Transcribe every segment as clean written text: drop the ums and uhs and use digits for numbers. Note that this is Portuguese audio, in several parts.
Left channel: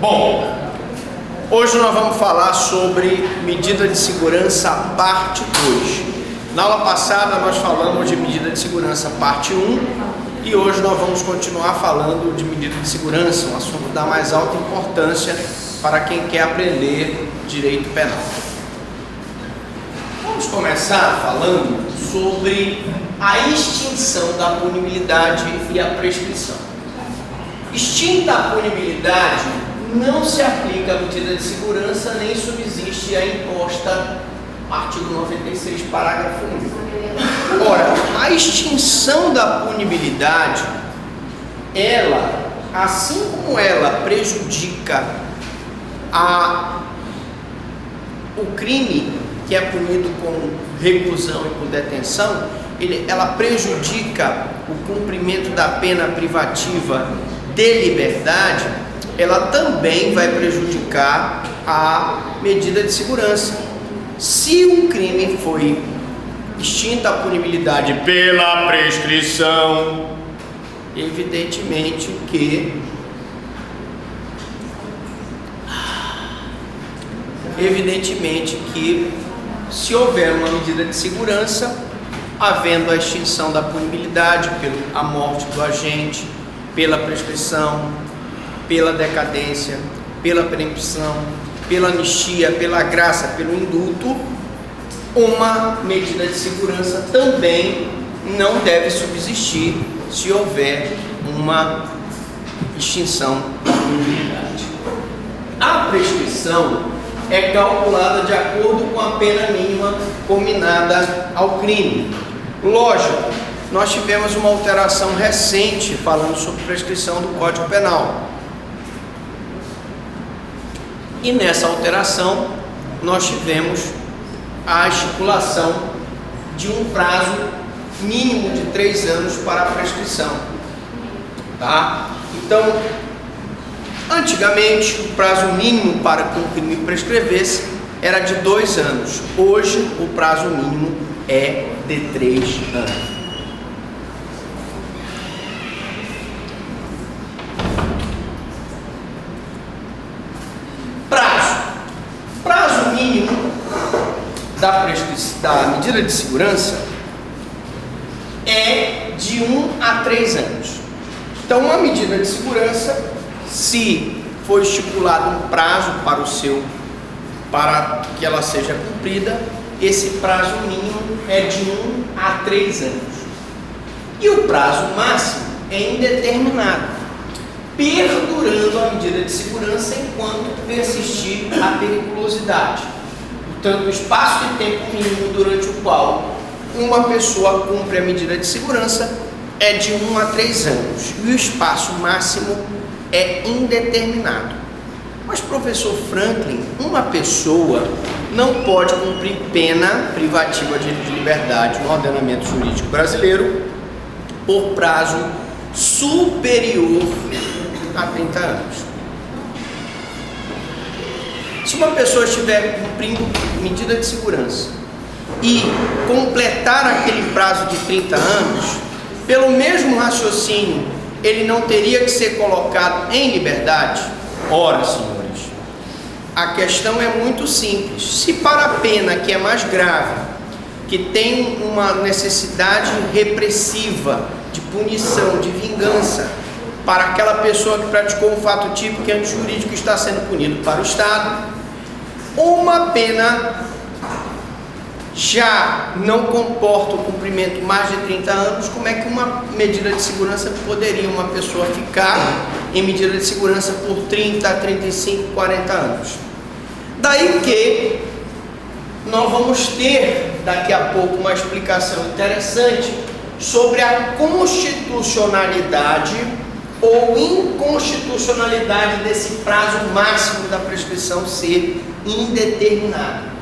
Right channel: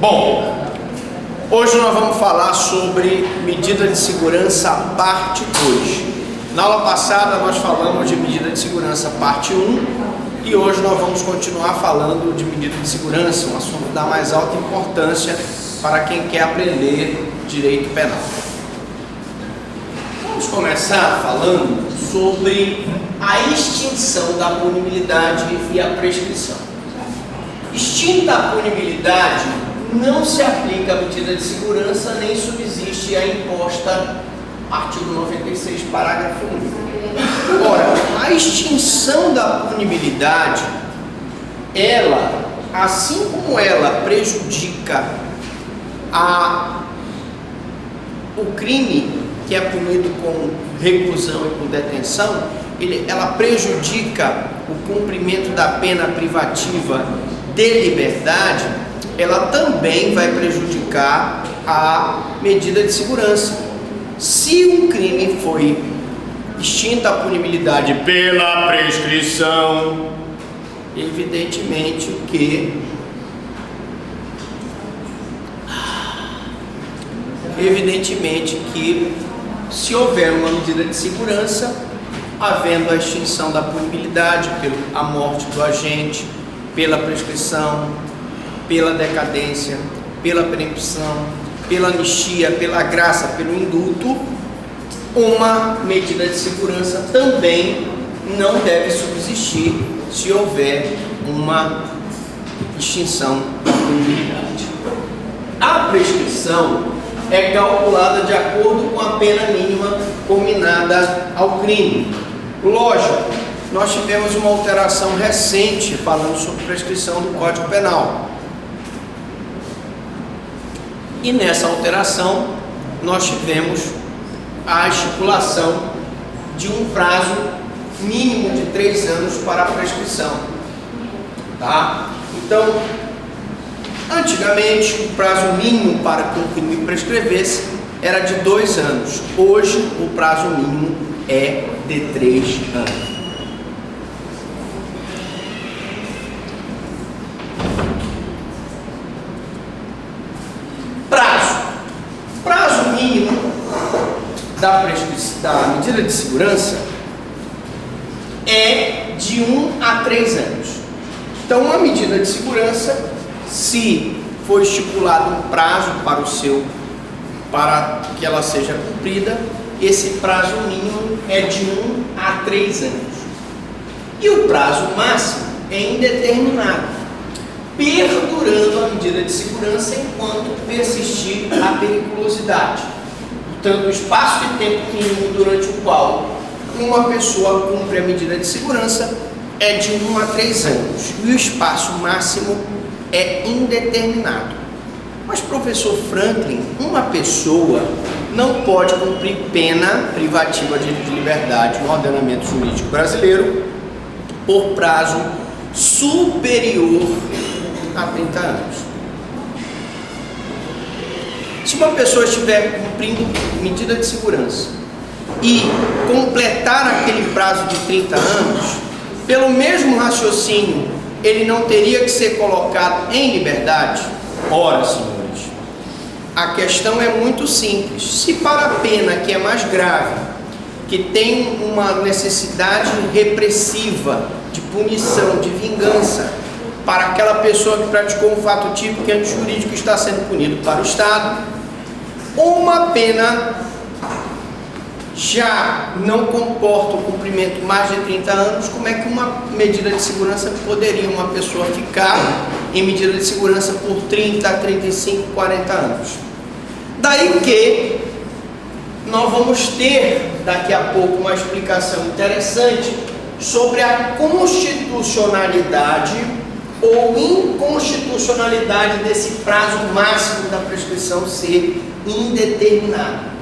Bom, hoje nós vamos falar sobre medida de segurança parte 2. Na aula passada nós falamos de medida de segurança parte 1 e hoje nós vamos continuar falando de medida de segurança, um assunto da mais alta importância para quem quer aprender direito penal. Vamos começar falando sobre a extinção da punibilidade e a prescrição. Extinta a punibilidade, não se aplica a medida de segurança nem subsiste a imposta artigo 96, parágrafo 1. Ora, a extinção da punibilidade, ela, assim como ela prejudica o crime que é punido com reclusão e com detenção, ela prejudica o cumprimento da pena privativa de liberdade, ela também vai prejudicar a medida de segurança. Se um crime foi extinta a punibilidade pela prescrição, evidentemente que se houver uma medida de segurança, havendo a extinção da punibilidade pela morte do agente, pela prescrição, pela decadência, pela preempção, pela anistia, pela graça, pelo indulto, uma medida de segurança também não deve subsistir se houver uma extinção da punibilidade. A prescrição é calculada de acordo com a pena mínima combinada ao crime. Lógico, nós tivemos uma alteração recente falando sobre prescrição do Código Penal. E nessa alteração, nós tivemos a estipulação de um prazo mínimo de 3 anos para a prescrição. Tá? Então, antigamente, o prazo mínimo para que um crime prescrevesse era de 2 anos. Hoje, o prazo mínimo é de 3 anos. Prazo mínimo da medida de segurança é de 1 a 3 anos. Então, uma medida de segurança, se for estipulado um prazo para que ela seja cumprida, esse prazo mínimo é de 1 a 3 anos. E o prazo máximo é indeterminado, perdurando a medida de segurança enquanto persistir a periculosidade. Portanto, o espaço de tempo mínimo durante o qual uma pessoa cumpre a medida de segurança é de 1 a 3 anos. E o espaço máximo é indeterminado. Mas, professor Franklin, uma pessoa não pode cumprir pena privativa de liberdade no ordenamento jurídico brasileiro por prazo superior a 30 anos. Se uma pessoa estiver cumprindo medida de segurança e completar aquele prazo de 30 anos, pelo mesmo raciocínio, ele não teria que ser colocado em liberdade? Ora, senhores, a questão é muito simples. Se para a pena que é mais grave, que tem uma necessidade repressiva, de punição, de vingança, para aquela pessoa que praticou um fato típico e antijurídico que está sendo punido para o Estado, uma pena já não comporta o cumprimento mais de 30 anos, como é que uma medida de segurança poderia uma pessoa ficar em medida de segurança por 30, 35, 40 anos? Daí que nós vamos ter daqui a pouco uma explicação interessante sobre a constitucionalidade ou inconstitucionalidade desse prazo máximo da prescrição ser indeterminado.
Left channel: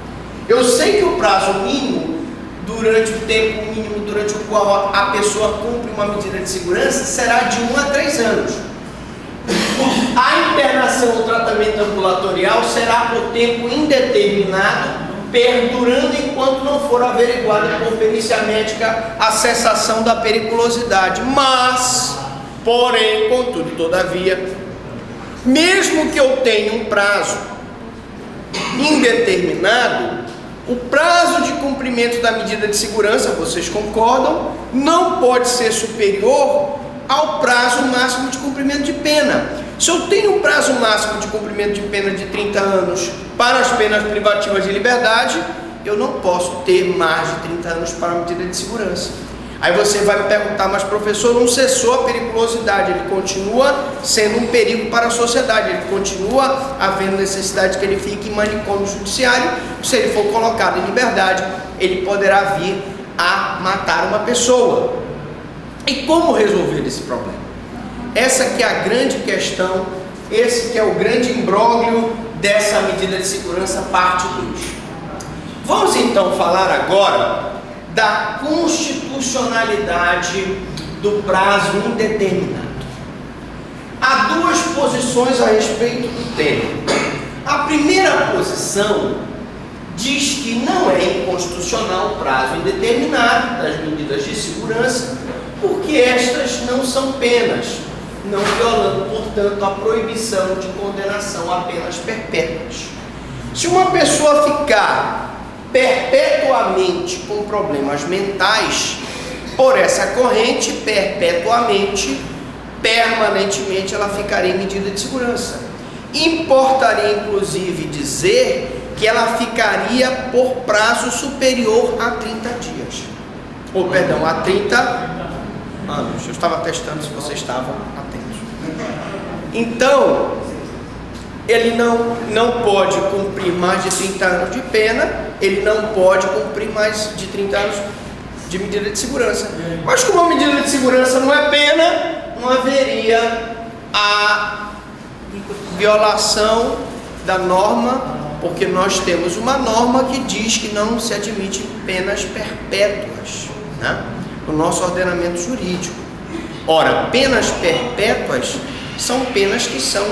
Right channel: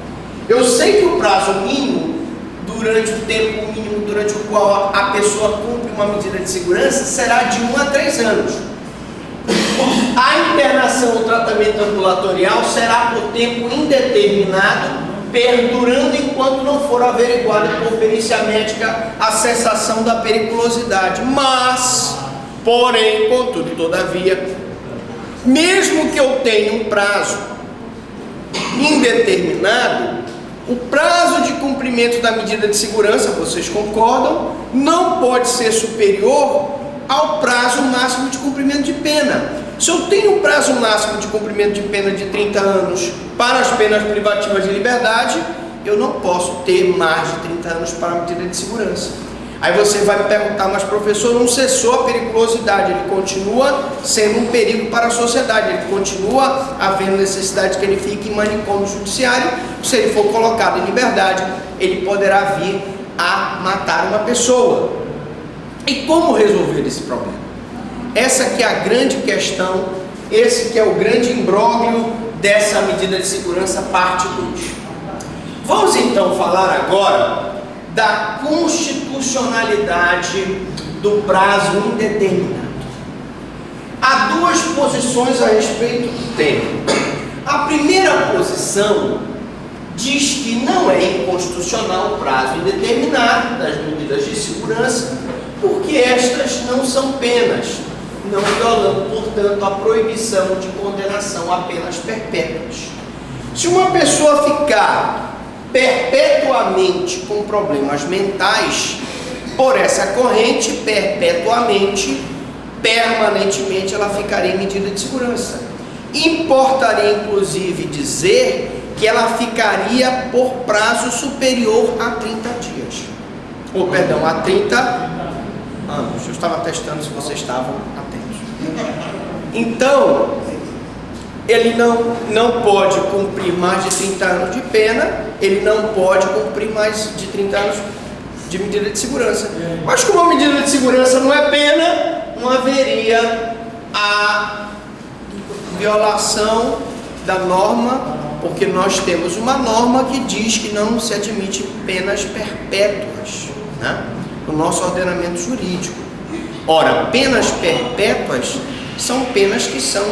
Eu sei que o prazo mínimo, durante o tempo mínimo durante o qual a pessoa cumpre uma medida de segurança, será de 1 a 3 anos. A internação ou tratamento ambulatorial será por tempo indeterminado, perdurando enquanto não for averiguada por perícia médica a cessação da periculosidade. Mas, porém, contudo, todavia, Mesmo que eu tenha um prazo indeterminado, o prazo de cumprimento da medida de segurança, vocês concordam, não pode ser superior ao prazo máximo de cumprimento de pena. Se eu tenho um prazo máximo de cumprimento de pena de 30 anos para as penas privativas de liberdade, eu não posso ter mais de 30 anos para a medida de segurança. Aí você vai me perguntar, mas professor, não cessou a periculosidade, ele continua sendo um perigo para a sociedade, ele continua havendo necessidade que ele fique em manicômio judiciário, se ele for colocado em liberdade, ele poderá vir a matar uma pessoa. E como resolver esse problema? Essa que é a grande questão, esse que é o grande imbróglio dessa medida de segurança parte 2. Vamos então falar agora da constitucionalidade do prazo indeterminado. Há duas posições a respeito do tema. A primeira posição diz que não é inconstitucional o prazo indeterminado das medidas de segurança, porque estas não são penas, não violando, portanto, a proibição de condenação a penas perpétuas. Se uma pessoa ficar perpetuamente com problemas mentais, por essa corrente, perpetuamente, permanentemente, ela ficaria em medida de segurança. Importaria, inclusive, dizer que ela ficaria por prazo superior a 30 dias. Ou, perdão, a 30 anos. Eu estava testando se vocês estavam atentos. Então, ele não pode cumprir mais de 30 anos de pena, ele não pode cumprir mais de 30 anos de medida de segurança. Mas como a medida de segurança não é pena, não haveria a violação da norma, porque nós temos uma norma que diz que não se admite penas perpétuas, né, no nosso ordenamento jurídico. Ora, penas perpétuas são penas que são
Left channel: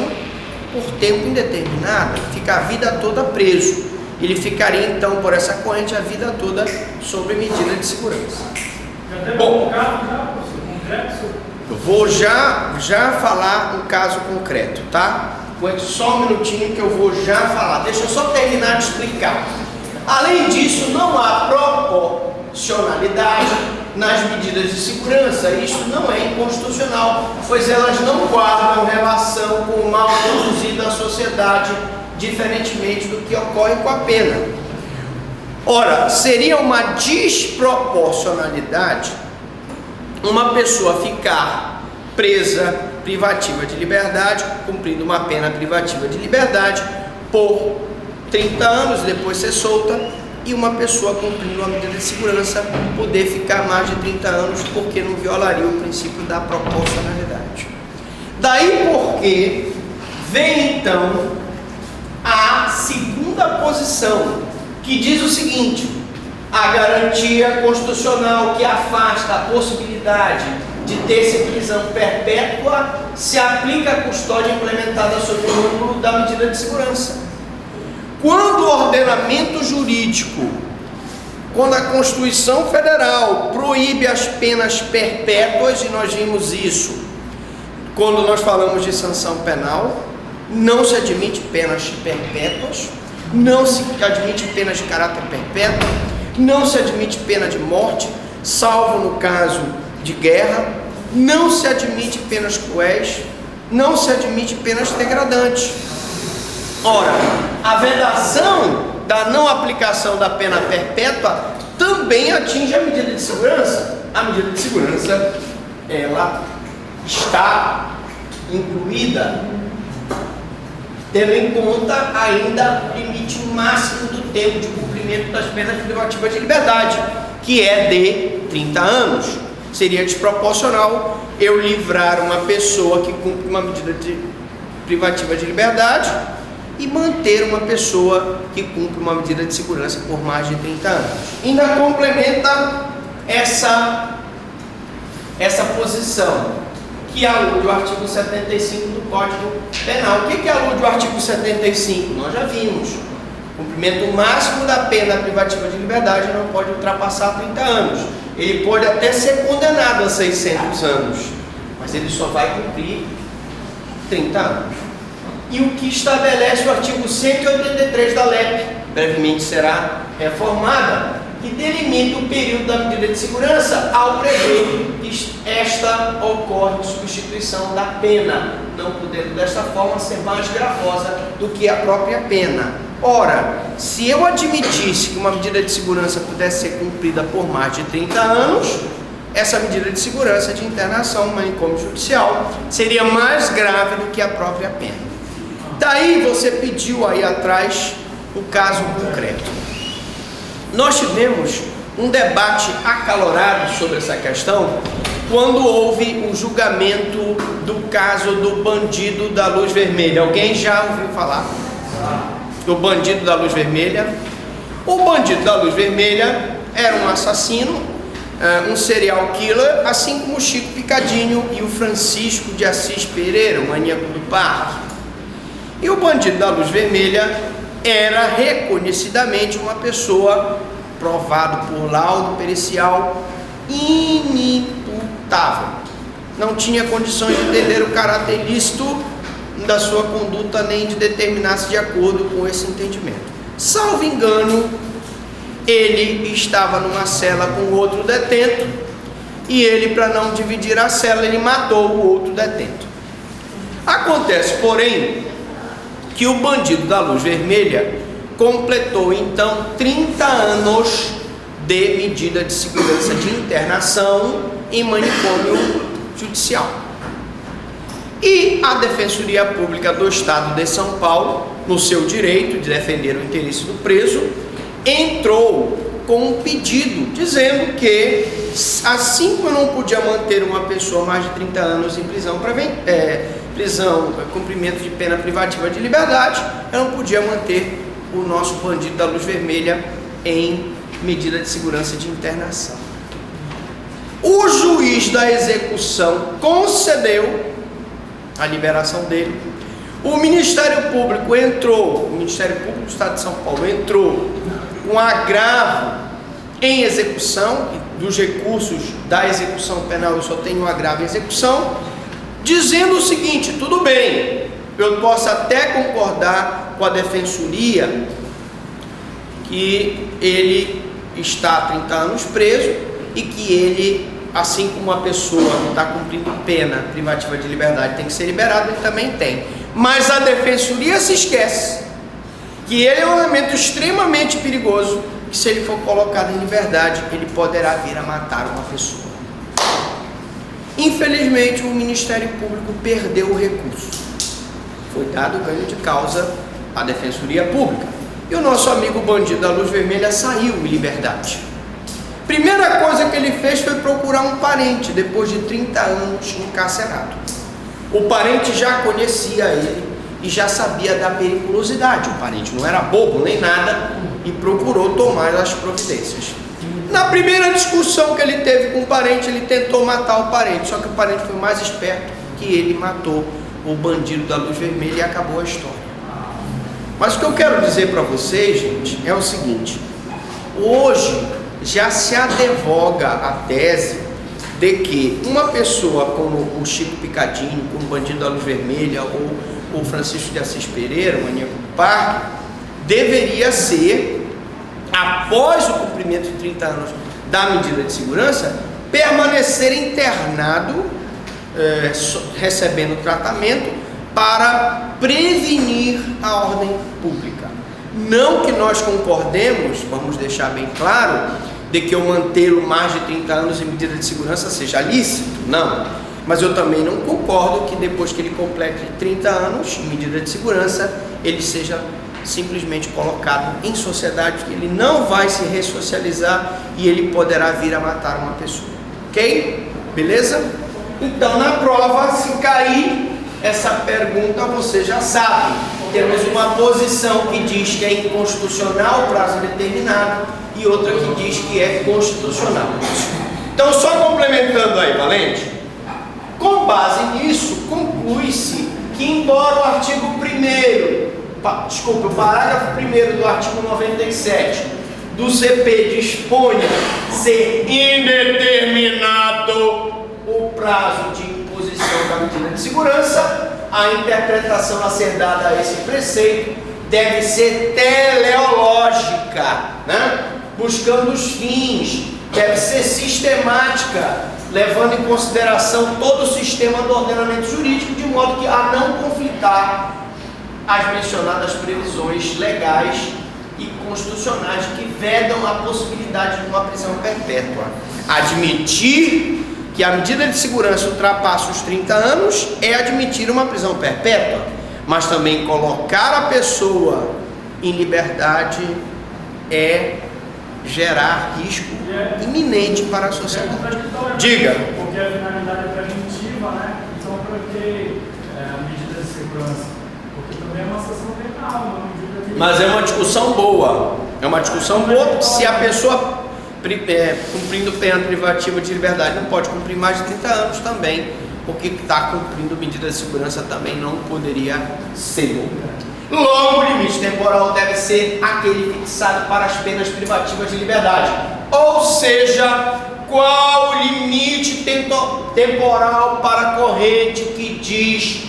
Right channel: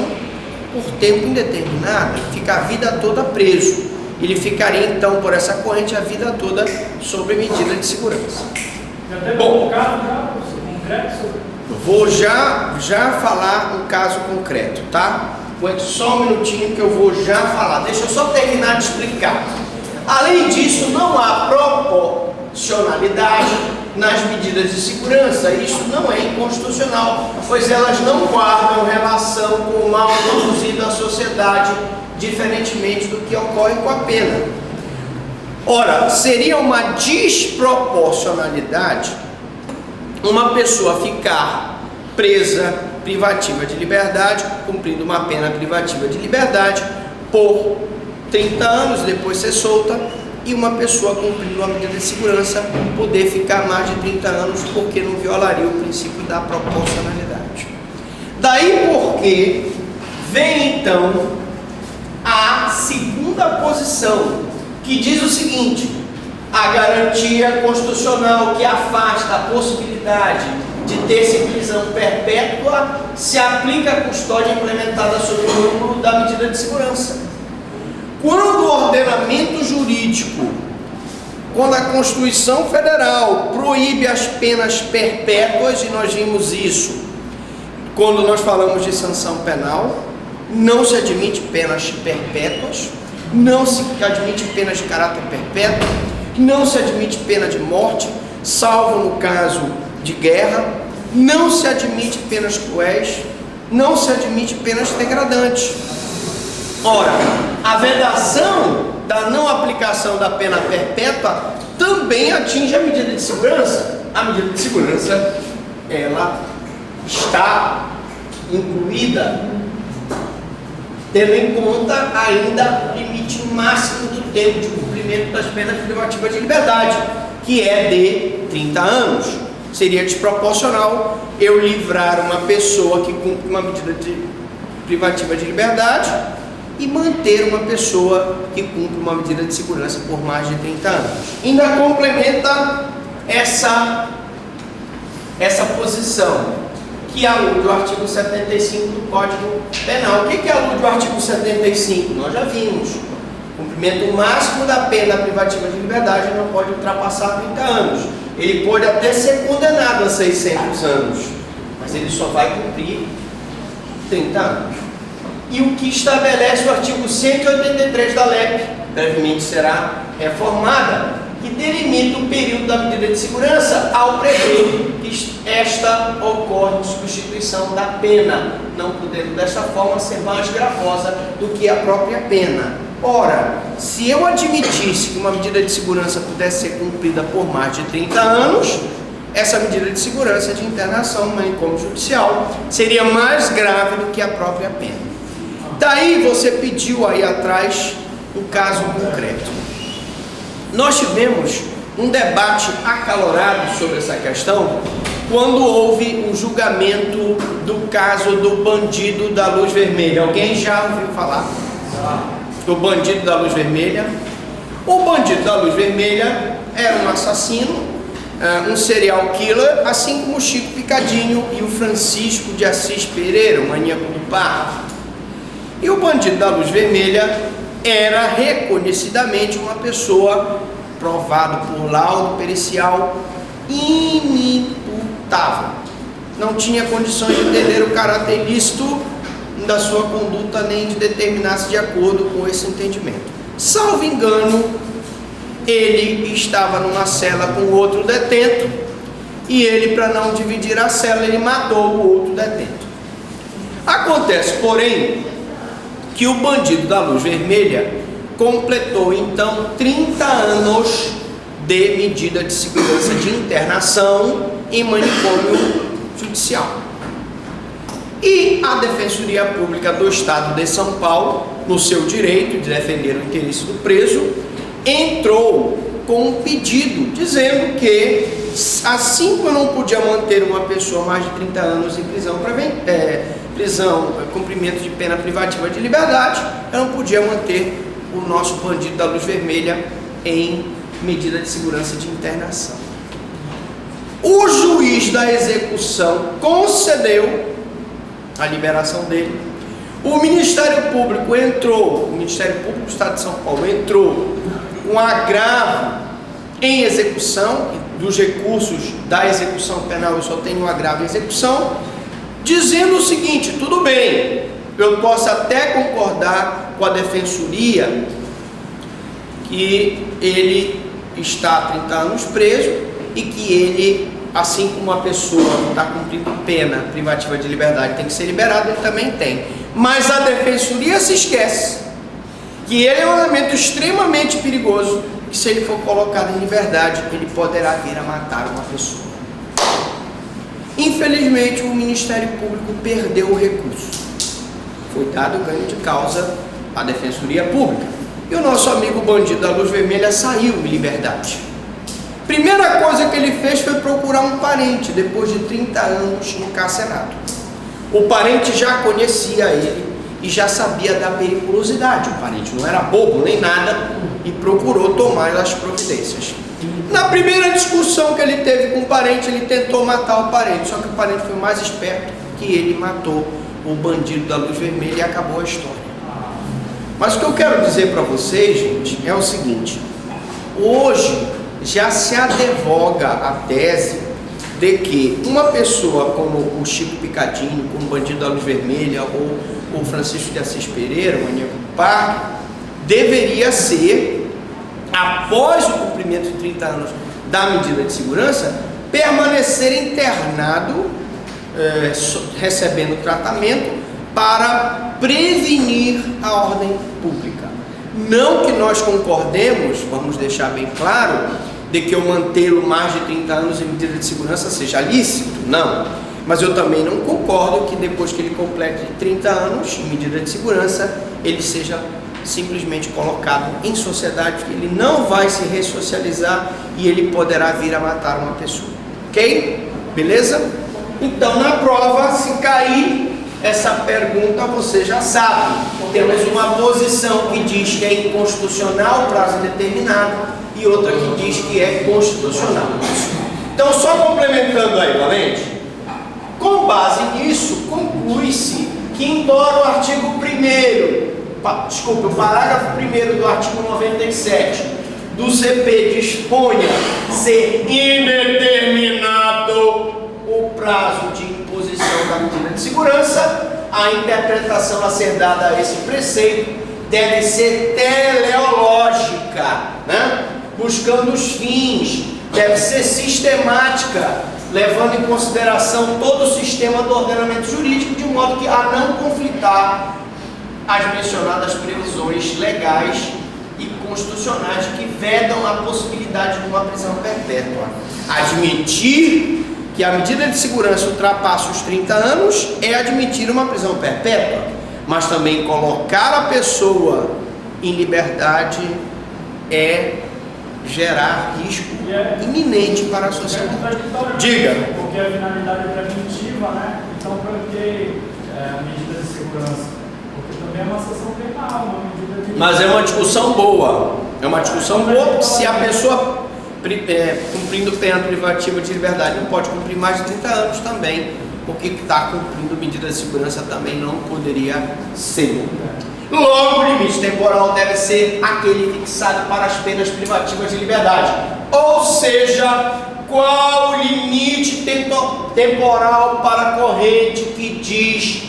por tempo indeterminado, fica a vida toda preso. Ele ficaria então por essa corrente a vida toda sob medida de segurança. Bom, eu vou já falar um caso concreto, tá? Aguente só um minutinho que eu vou já falar. Deixa eu só terminar de explicar. Além disso, não há proporcionalidade nas medidas de segurança. Isso não é inconstitucional, pois elas não guardam relação com o mal produzido à sociedade, diferentemente do que ocorre com a pena. Ora, seria uma desproporcionalidade uma pessoa ficar presa, privativa de liberdade, cumprindo uma pena privativa de liberdade por 30 anos, depois ser solta, e uma pessoa cumprindo uma medida de segurança poder ficar mais de 30 anos, porque não violaria o princípio da proporcionalidade. Daí porque vem então a segunda posição, que diz o seguinte: a garantia constitucional que afasta a possibilidade de ter-se prisão perpétua se aplica à custódia implementada sob o ângulo da medida de segurança. Quando o ordenamento jurídico, quando a Constituição Federal proíbe as penas perpétuas, e nós vimos isso quando nós falamos de sanção penal, não se admite penas perpétuas, não se admite penas de caráter perpétuo, não se admite pena de morte, salvo no caso de guerra, não se admite penas cruéis, não se admite penas degradantes. Ora, a vedação da não aplicação da pena perpétua também atinge a medida de segurança. A medida de segurança, ela está incluída, tendo em conta ainda o limite máximo do tempo de cumprimento das penas privativas de liberdade, que é de 30 anos. Seria desproporcional eu livrar uma pessoa que cumpre uma medida privativa de liberdade e manter uma pessoa que cumpre uma medida de segurança por mais de 30 anos. Ainda complementa essa posição, que alude o artigo 75 do Código Penal. O que alude o artigo 75? Nós já vimos. O cumprimento máximo da pena privativa de liberdade não pode ultrapassar 30 anos. Ele pode até ser condenado a 600 anos, mas ele só vai cumprir 30 anos. e o que estabelece o artigo 183 da LEP, brevemente será reformada, que delimita o período da medida de segurança ao prever que esta ocorre de substituição da pena, não podendo desta forma ser mais gravosa do que a própria pena. Ora, se eu admitisse que uma medida de segurança pudesse ser cumprida por mais de 30 anos, essa medida de segurança de internação no manicômio judicial seria mais grave do que a própria pena. Daí você pediu aí atrás o caso concreto. Nós tivemos um debate acalorado sobre essa questão quando houve o julgamento do caso do bandido da luz vermelha. Alguém já ouviu falar do bandido da luz vermelha? O bandido da luz vermelha era um assassino, um serial killer, assim como o Chico Picadinho e o Francisco de Assis Pereira, o maníaco do parque. E o bandido da luz vermelha era reconhecidamente uma pessoa, provado por laudo pericial, inimputável. Não tinha condições de entender o caráter ilícito da sua conduta, nem de determinar-se de acordo com esse entendimento. Salvo engano, ele estava numa cela com outro detento, e ele, para não dividir a cela, ele matou o outro detento. Acontece, porém, que o bandido da luz vermelha completou então 30 anos de medida de segurança de internação em manicômio judicial. E a Defensoria Pública do Estado de São Paulo, no seu direito de defender o interesse do preso, entrou com um pedido dizendo que, assim como eu não podia manter uma pessoa mais de 30 anos em cumprimento de pena privativa de liberdade, eu não podia manter o nosso bandido da luz vermelha em medida de segurança de internação. O juiz da execução concedeu a liberação dele. O Ministério Público entrou, o Ministério Público do Estado de São Paulo entrou com agravo em execução, dos recursos da execução penal eu só tenho um agravo em execução, dizendo o seguinte: tudo bem, eu posso até concordar com a Defensoria que ele está há 30 anos preso e que ele, assim como uma pessoa que está cumprindo pena privativa de liberdade tem que ser liberado, ele também tem. Mas a Defensoria se esquece que ele é um elemento extremamente perigoso, que se ele for colocado em liberdade, ele poderá vir a matar uma pessoa. Infelizmente, o Ministério Público perdeu o recurso. Foi dado ganho de causa à Defensoria Pública. E o nosso amigo bandido da luz vermelha saiu em liberdade. Primeira coisa que ele fez foi procurar um parente, depois de 30 anos encarcerado. O parente já conhecia ele e já sabia da periculosidade. O parente não era bobo nem nada e procurou tomar as providências. Na primeira discussão que ele teve com o parente, ele tentou matar o parente, só que o parente foi mais esperto que ele, matou o bandido da luz vermelha e acabou a história. Mas o que eu quero dizer para vocês, gente, é o seguinte: hoje já se advoga a tese de que uma pessoa como o Chico Picadinho, como o bandido da luz vermelha, ou o Francisco de Assis Pereira, o maníaco do parque, deveria ser, após o cumprimento de 30 anos da medida de segurança, permanecer internado, recebendo tratamento para prevenir a ordem pública. Não que nós concordemos, vamos deixar bem claro, de que eu mantê-lo mais de 30 anos em medida de segurança seja lícito, não. Mas eu também não concordo que depois que ele complete 30 anos em medida de segurança, ele seja simplesmente colocado em sociedade, que ele não vai se ressocializar e ele poderá vir a matar uma pessoa. Ok? Beleza? Então, na prova, se cair essa pergunta, você já sabe. Temos uma posição que diz que é inconstitucional, prazo indeterminado, e outra que diz que é constitucional. Então, só complementando aí, Valente, com base nisso, conclui-se que, embora o artigo 1º, o parágrafo 1º do artigo 97 do CP disponha ser indeterminado o prazo de imposição da medida de segurança, a interpretação a ser dada a esse preceito deve ser teleológica, né? Buscando os fins, deve ser sistemática, levando em consideração todo o sistema do ordenamento jurídico, de modo que a não conflitar as mencionadas previsões legais e constitucionais que vedam a possibilidade de uma prisão perpétua. Admitir que a medida de segurança ultrapassa os 30 anos é admitir uma prisão perpétua, mas também colocar a pessoa em liberdade é gerar risco iminente para a sociedade. Diga. Porque a finalidade é preventiva, né? Então, para que a medida de segurança? Porque também é uma sanção penal, uma medida de... Mas é uma discussão boa. É uma discussão boa, porque se a pessoa cumprindo pena privativa de liberdade não pode cumprir mais de 30 anos também, porque está cumprindo medida de segurança também não poderia ser. Logo, o limite temporal deve ser aquele fixado para as penas privativas de liberdade. Ou seja, qual o limite temporal para a corrente que diz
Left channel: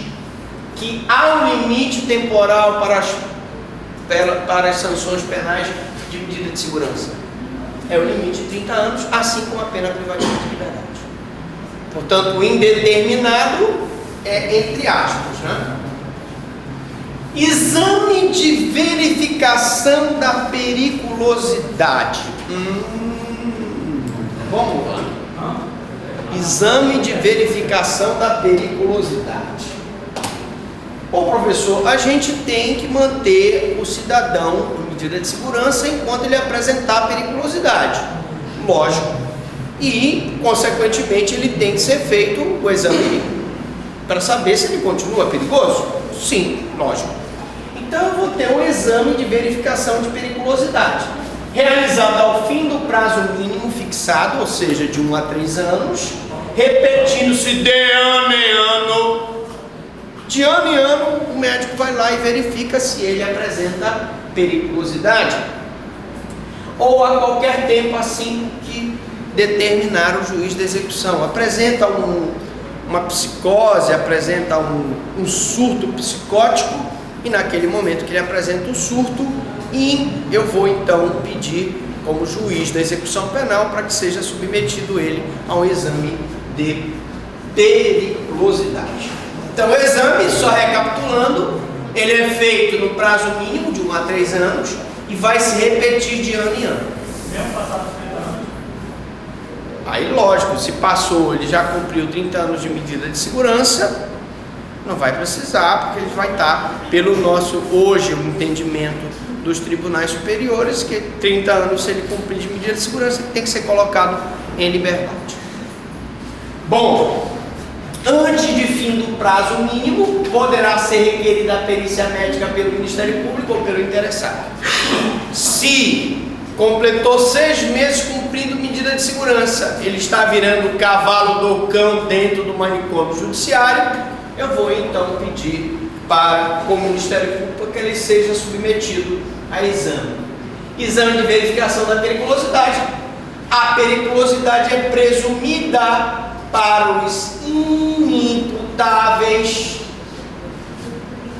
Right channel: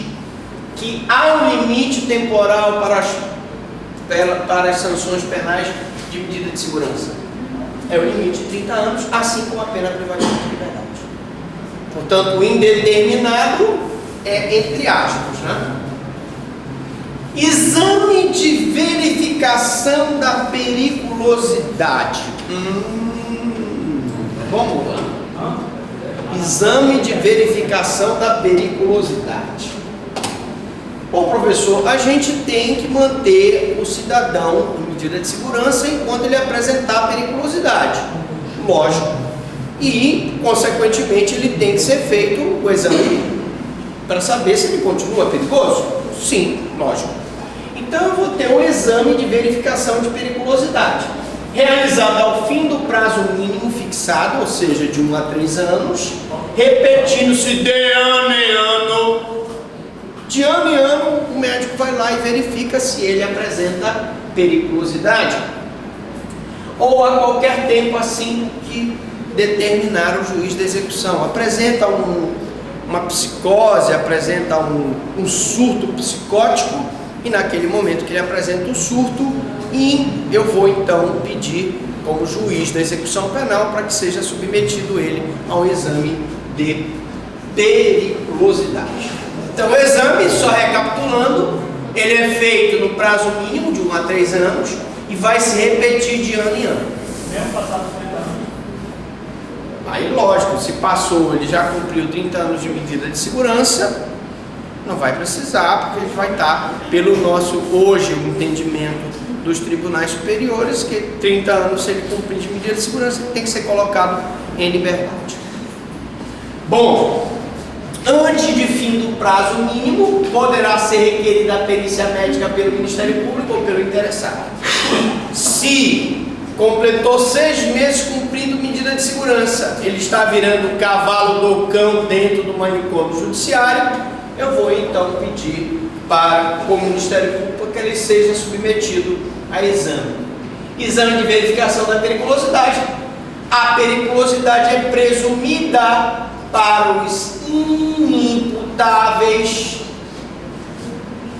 que há um limite temporal para as sanções penais de medida de segurança? É o limite de 30 anos, assim como a pena privativa de liberdade. Portanto, o indeterminado é entre aspas, né? Exame de verificação da periculosidade. Vamos lá. Exame de verificação da periculosidade. Bom, professor, a gente tem que manter o cidadão em medida de segurança enquanto ele apresentar periculosidade. Lógico. E, consequentemente, ele tem que ser feito o exame para saber se ele continua perigoso. Sim, lógico. Então eu vou ter um exame de verificação de periculosidade, realizado ao fim do prazo mínimo fixado, ou seja, de 1 a 3 anos, repetindo-se de ano em ano. De ano em ano, o médico vai lá e verifica se ele apresenta periculosidade, ou a qualquer tempo assim que determinar o juiz da execução. Apresenta uma psicose, apresenta um surto psicótico, e naquele momento que ele apresenta o surto, e eu vou então pedir como juiz da execução penal para que seja submetido ele a um exame de periculosidade. Então o exame, só recapitulando, ele é feito no prazo mínimo de 1 a 3 anos e vai se repetir de ano em ano. Mesmo passado 30 anos? Aí lógico, se passou, ele já cumpriu 30 anos de medida de segurança, não vai precisar, porque ele vai estar, pelo nosso, hoje, o entendimento dos tribunais superiores, que 30 anos, se ele cumprir de medida de segurança, ele tem que ser colocado em liberdade. Bom, antes de fim do prazo mínimo, poderá ser requerida a perícia médica pelo Ministério Público ou pelo interessado. Se completou 6 meses cumprindo medida de segurança, ele está virando o cavalo do cão dentro do manicômio judiciário, eu vou então pedir para o Ministério Público que ele seja submetido a exame. Exame de verificação da periculosidade. A periculosidade é presumida para os inimputáveis.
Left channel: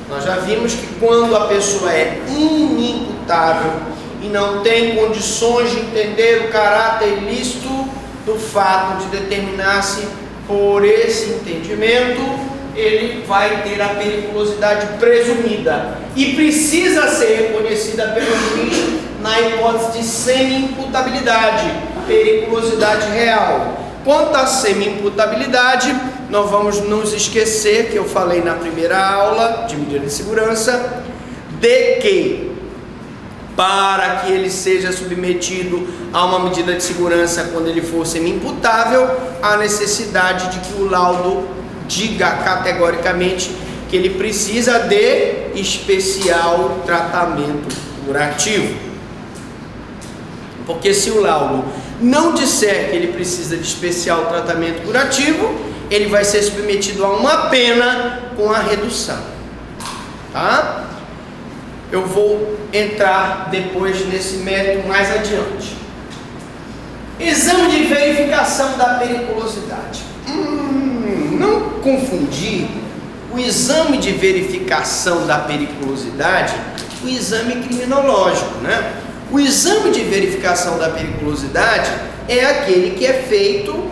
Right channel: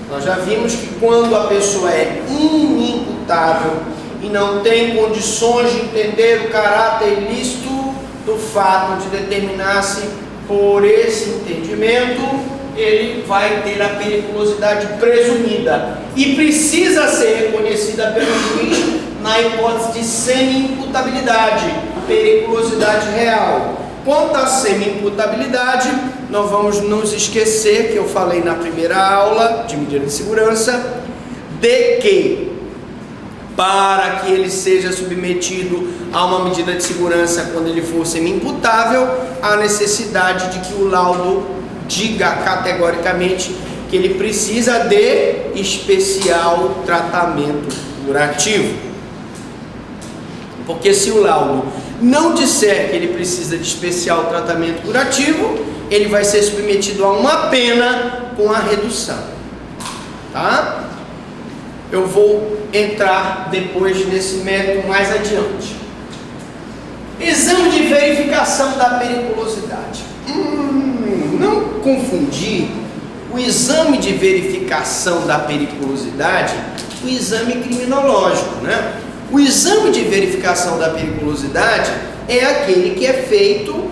Nós já vimos que quando a pessoa é inimputável e não tem condições de entender o caráter ilícito do fato de determinar-se por esse entendimento, ele vai ter a periculosidade presumida e precisa ser reconhecida pelo juiz na hipótese de semi-imputabilidade, periculosidade real. Quanto à semi-imputabilidade, nós vamos nos esquecer que eu falei na primeira aula de medida de segurança, de que para que ele seja submetido a uma medida de segurança quando ele for semi-imputável, há necessidade de que o laudo diga categoricamente que ele precisa de especial tratamento curativo. Porque se o laudo não disser que ele precisa de especial tratamento curativo, ele vai ser submetido a uma pena com a redução. Tá? Eu vou entrar depois nesse método mais adiante. Exame de verificação da periculosidade. Não confundir o exame de verificação da periculosidade, o exame criminológico, né? O exame de verificação da periculosidade é aquele que é feito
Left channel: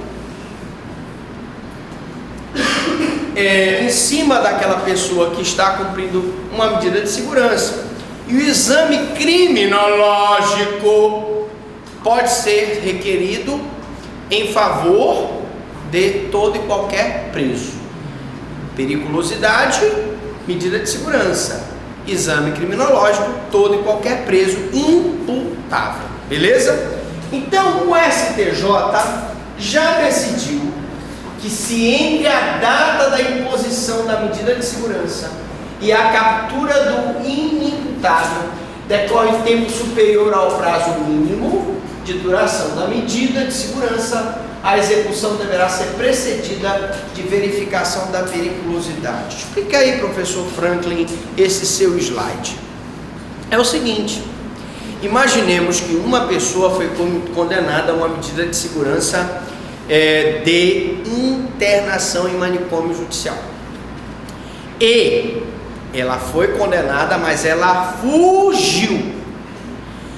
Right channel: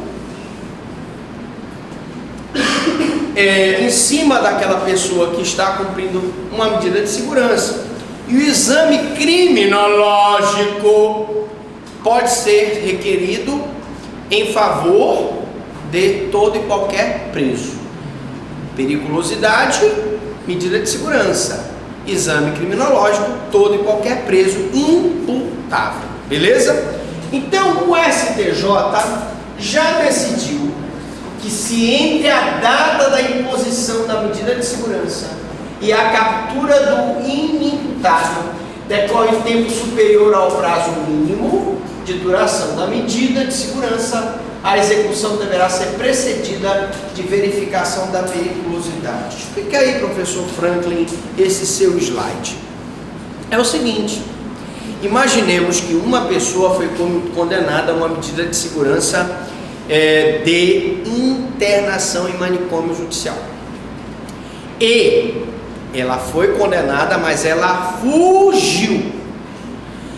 em cima daquela pessoa que está cumprindo uma medida de segurança. E o exame criminológico pode ser requerido em favor de todo e qualquer preso. Periculosidade, medida de segurança. Exame criminológico, todo e qualquer preso imputável. Beleza? Então o STJ já decidiu que se entre a data da imposição da medida de segurança e a captura do inimputável decorre tempo superior ao prazo mínimo de duração da medida de segurança, a execução deverá ser precedida de verificação da periculosidade. Explica aí, professor Franklin, esse seu slide. É o seguinte: imaginemos que uma pessoa foi condenada a uma medida de segurança de internação em manicômio judicial. E ela foi condenada, mas ela fugiu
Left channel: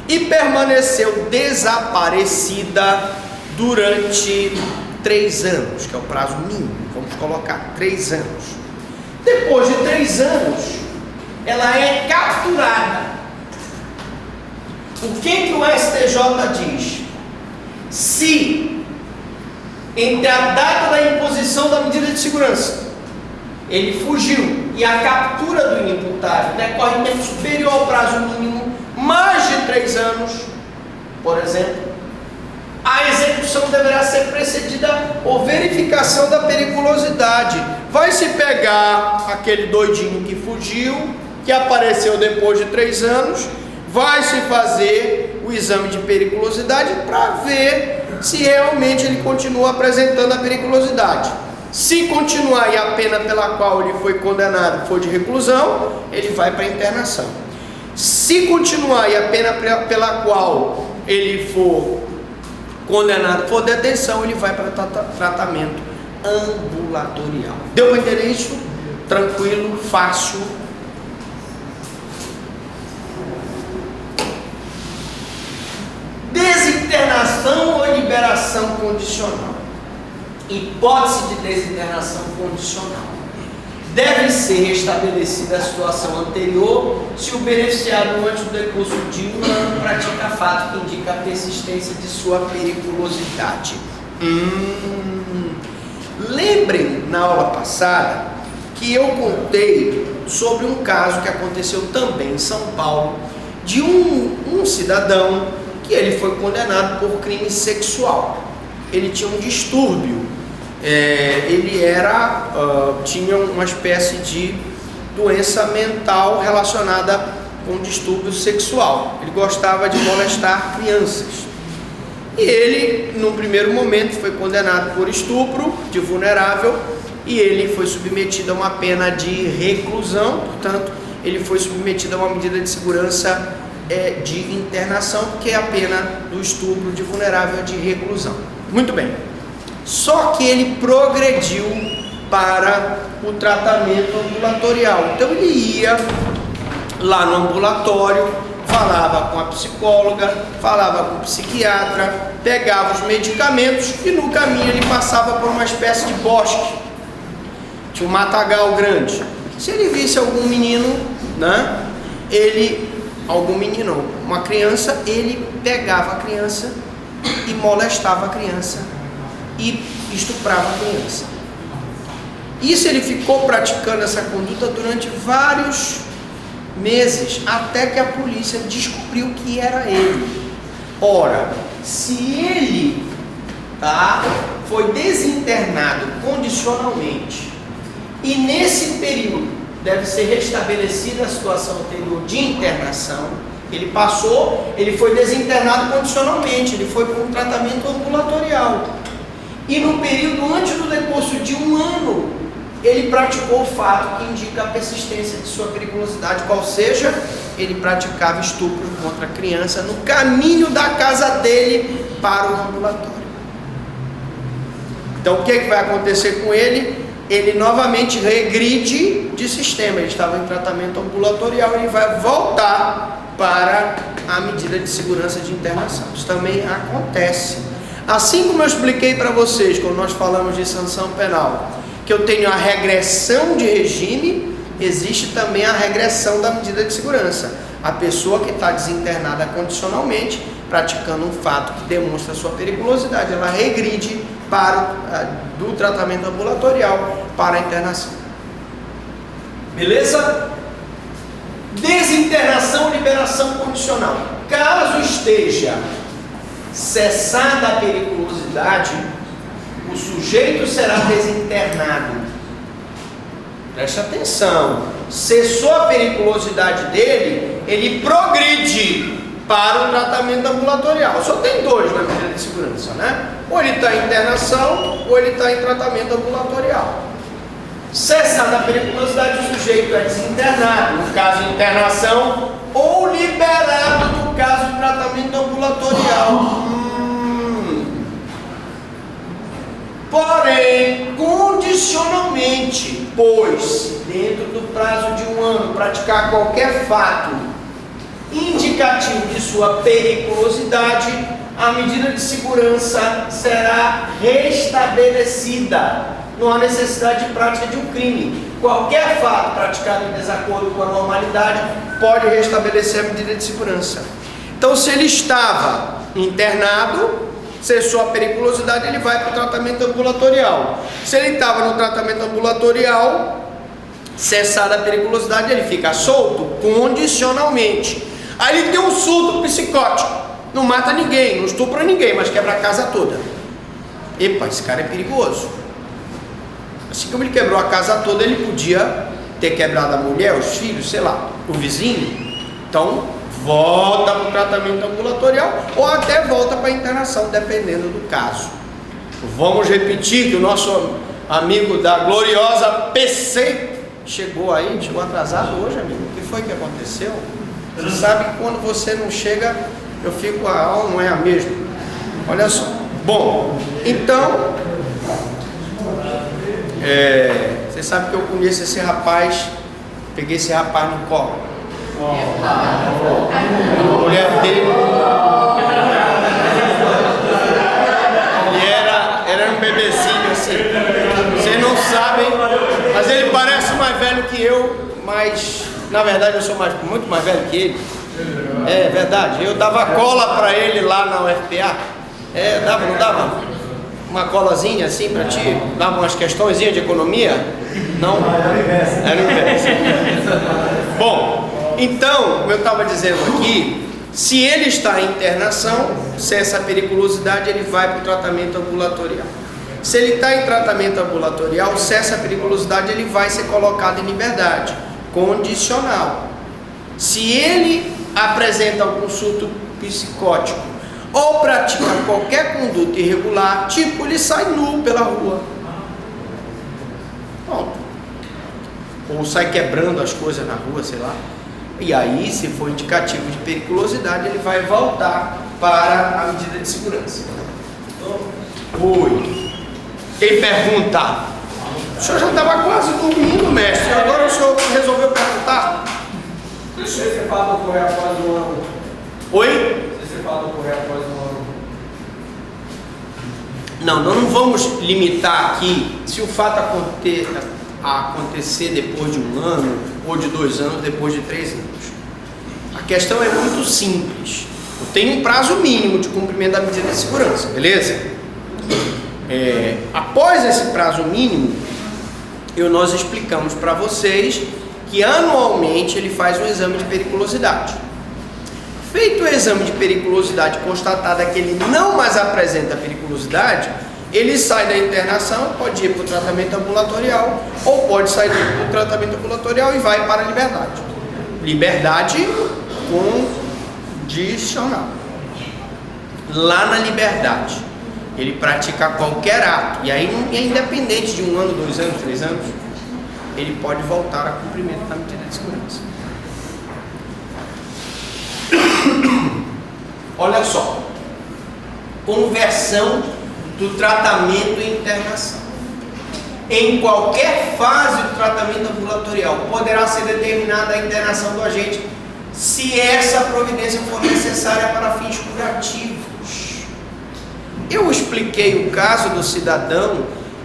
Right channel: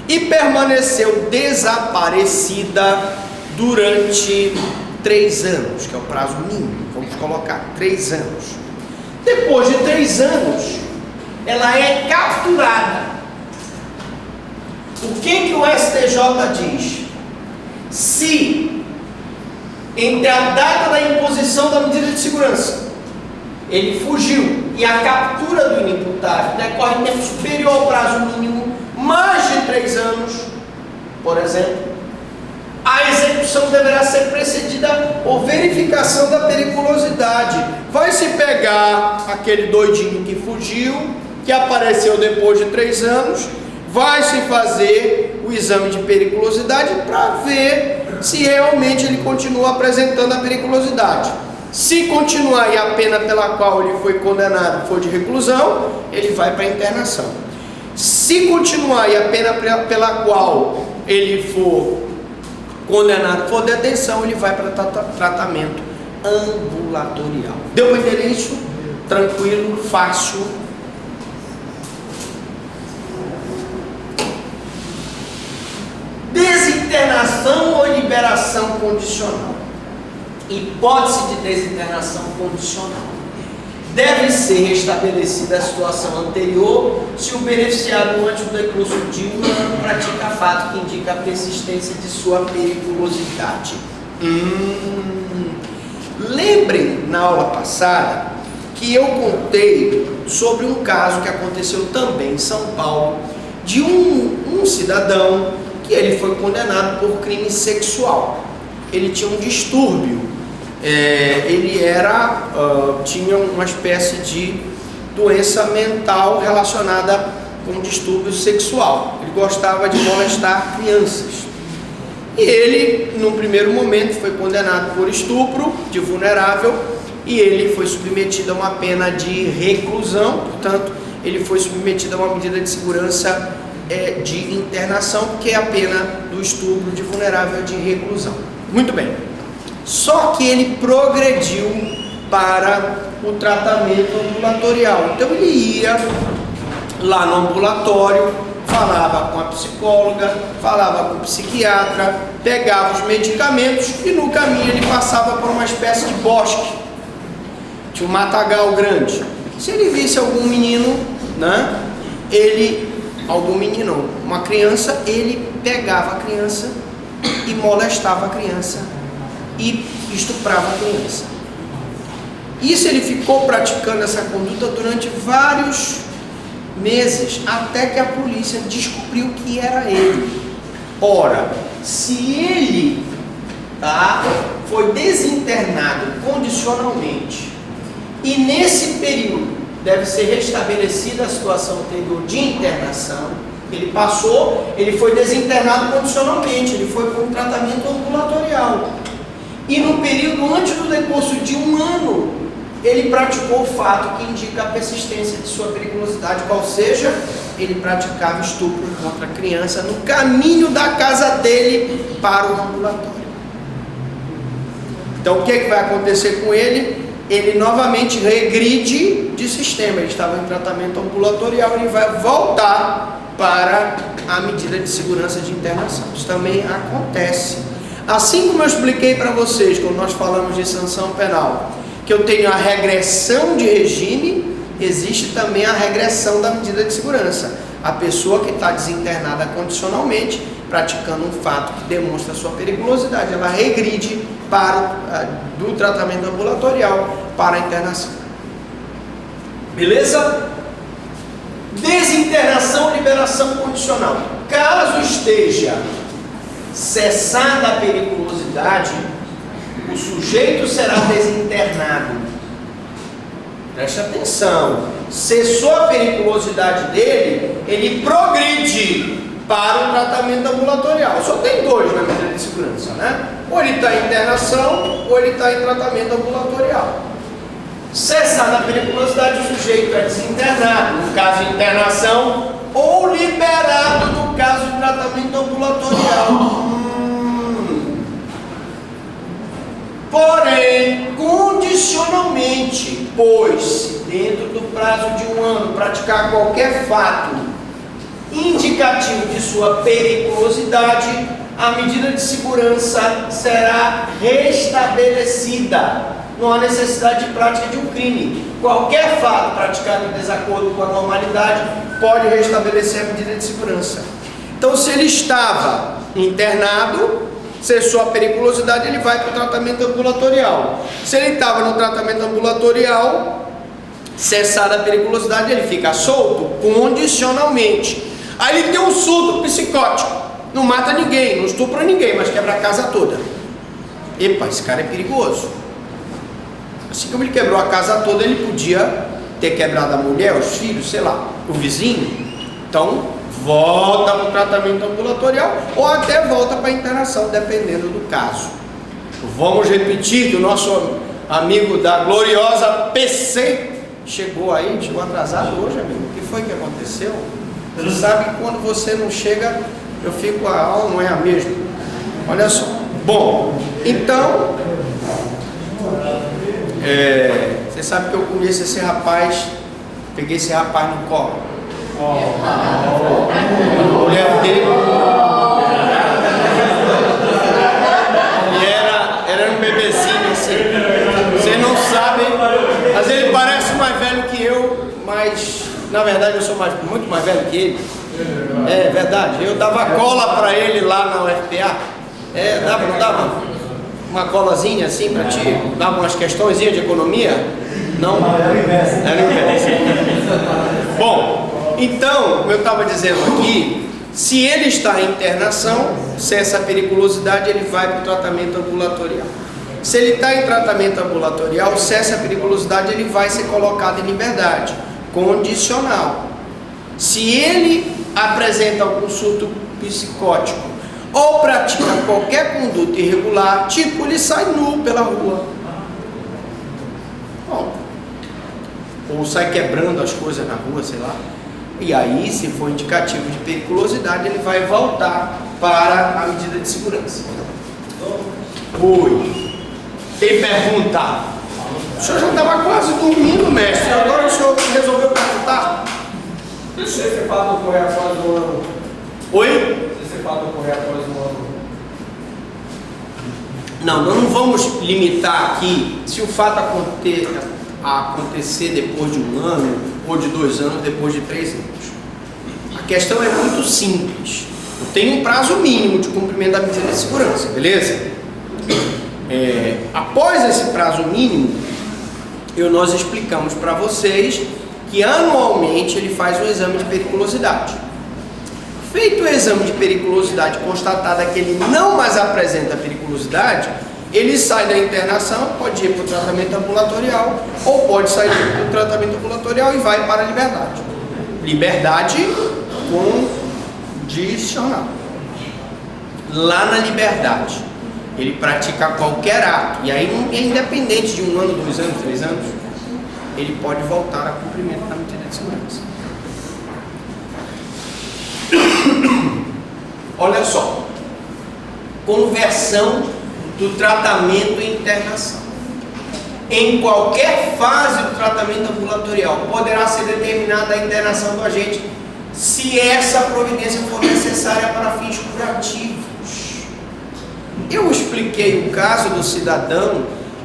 e permaneceu desaparecida durante 3 anos, que é o prazo mínimo, vamos colocar 3 anos. Depois de 3 anos, ela é capturada. O que o STJ diz? Se entre a data da imposição da medida de segurança, ele fugiu e a captura do inimputável decorre em tempo superior ao prazo mínimo, mais de 3 anos, por exemplo, a execução deverá ser precedida por verificação da periculosidade. Vai se pegar aquele doidinho que fugiu, que apareceu depois de 3 anos, vai se fazer o exame de periculosidade para ver se realmente ele continua apresentando a periculosidade. Se continuar e a pena pela qual ele foi condenado for de reclusão, ele vai para a internação. Se continuar e a pena pela qual ele for condenado for detenção, ele vai para tratamento ambulatorial. Deu para entender isso? Tranquilo, fácil. Desinternação ou liberação condicional. Hipótese de desinternação condicional. Deve ser restabelecida a situação anterior se o beneficiário, antes do decurso de 1 ano, pratica fato que indica a persistência de sua periculosidade. Lembrem, na aula passada, que eu contei sobre um caso que aconteceu também em São Paulo, de um cidadão que ele foi condenado por crime sexual. Ele tinha um distúrbio. Ele tinha uma espécie de doença mental relacionada com distúrbio sexual. Ele gostava de molestar crianças. E ele, num primeiro momento, foi condenado por estupro de vulnerável e ele foi submetido a uma pena de reclusão. Portanto, ele foi submetido a uma medida de segurança de internação, porque a pena do estupro de vulnerável é de reclusão. Muito bem. Só que ele progrediu para o tratamento ambulatorial. Então ele ia lá no ambulatório, falava com a psicóloga, falava com o psiquiatra, pegava os medicamentos e no caminho ele passava por uma espécie de bosque. Tinha um matagal grande. Se ele visse algum menino, né, uma criança, ele pegava a criança e molestava a criança e estuprava a criança. Isso ele ficou praticando essa conduta durante vários meses, até que a polícia descobriu que era ele. Ora, se ele foi desinternado condicionalmente e nesse período deve ser restabelecida a situação anterior de internação, ele foi desinternado condicionalmente, ele foi para um tratamento ambulatorial. E no período antes do decurso de 1 ano, ele praticou o fato que indica a persistência de sua periculosidade, qual seja, ele praticava estupro contra a criança no caminho da casa dele para o ambulatório. Então o que vai acontecer com ele? ele novamente regride de sistema. Ele estava em tratamento ambulatorial, ele vai voltar para a medida de segurança de internação. Isso também acontece. Assim como eu expliquei para vocês, quando nós falamos de sanção penal, que eu tenho a regressão de regime, existe também a regressão da medida de segurança. A pessoa que está desinternada condicionalmente, praticando um fato que demonstra sua periculosidade, ela regride do tratamento ambulatorial para a internação. Beleza? Desinternação, liberação condicional. Caso esteja cessada a periculosidade, o sujeito será desinternado. Preste atenção. Cessou a periculosidade dele, ele progride para o tratamento ambulatorial. Só tem dois na medida de segurança, né? Ou ele está em internação, ou ele está em tratamento ambulatorial. Cessada a periculosidade, o sujeito é desinternado, no caso de internação, ou liberado no caso de tratamento ambulatorial. Porém, condicionalmente, pois se dentro do prazo de 1 ano praticar qualquer fato indicativo de sua periculosidade, a medida de segurança será restabelecida. Não há necessidade de prática de um crime. Qualquer fato praticado em desacordo com a normalidade pode restabelecer a medida de segurança. Então, se ele estava internado, cessou a periculosidade, ele vai para o tratamento ambulatorial. Se ele estava no tratamento ambulatorial, cessada a periculosidade, ele fica solto condicionalmente. Aí ele tem um surto psicótico, não mata ninguém, não estupra ninguém, mas quebra a casa toda. Epa, esse cara é perigoso. Assim como ele quebrou a casa toda, ele podia ter quebrado a mulher, os filhos, sei lá, o vizinho. Então, volta para o tratamento ambulatorial ou até volta para a internação, dependendo do caso. Vamos repetir que o nosso amigo da gloriosa PC chegou aí, chegou atrasado hoje, amigo. O que foi que aconteceu? Você sabe que quando você não chega, eu fico, a aula não é a mesma. Olha só. Bom, então, você sabe que eu conheço esse rapaz, peguei esse rapaz no colo. A mulher dele, ele era um bebezinho assim. Vocês não sabem, mas ele parece mais velho que eu, mas na verdade eu sou muito mais velho que ele. É verdade, eu dava cola pra ele lá na UFPA. Dava, não dava? Uma colazinha assim pra ti? Dava umas questõezinhas de economia? Não? Era o inverso. Bom, então, como eu estava dizendo aqui, se ele está em internação, cessa a periculosidade, ele vai para o tratamento ambulatorial. Se ele está em tratamento ambulatorial, cessa a periculosidade, ele vai ser colocado em liberdade condicional. Se ele apresenta algum surto psicótico ou pratica qualquer conduta irregular, tipo ele sai nu pela rua, ou sai quebrando as coisas na rua, sei lá. E aí, se for indicativo de periculosidade, ele vai voltar para a medida de segurança. Oi. Ele pergunta: o senhor já estava quase dormindo, mestre, agora o senhor resolveu perguntar? Se esse fato ocorrer após 1 ano. Oi? Se esse fato ocorrer após 1 ano. Não, nós não vamos limitar aqui se o fato acontecer depois de 1 ano, ou de 2 anos, depois de 3 anos. A questão é muito simples. Eu tenho um prazo mínimo de cumprimento da medida de segurança, beleza? Após esse prazo mínimo, nós explicamos para vocês que anualmente ele faz um exame de periculosidade. Feito o exame de periculosidade, constatada que ele não mais apresenta periculosidade, ele sai da internação, pode ir para o tratamento ambulatorial, ou pode sair do tratamento ambulatorial e vai para a liberdade. Liberdade condicional. Lá na liberdade, ele pratica qualquer ato, e aí não é independente de 1 ano, 2 anos, 3 anos, ele pode voltar a cumprimento da medida de segurança. Olha só, conversão do tratamento e internação. em qualquer fase do tratamento ambulatorial, poderá ser determinada a internação do agente se essa providência for necessária para fins curativos. Eu expliquei o caso do cidadão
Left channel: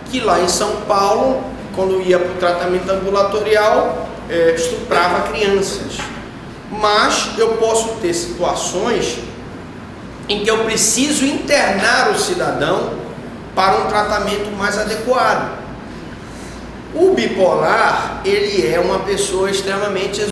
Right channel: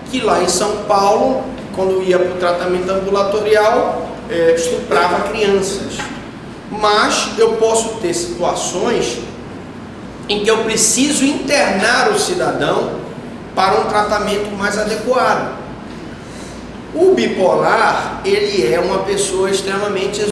que lá em São Paulo, quando ia para o tratamento ambulatorial, estuprava crianças. Mas eu posso ter situações em que eu preciso internar o cidadão para um tratamento mais adequado. O bipolar, ele é uma pessoa extremamente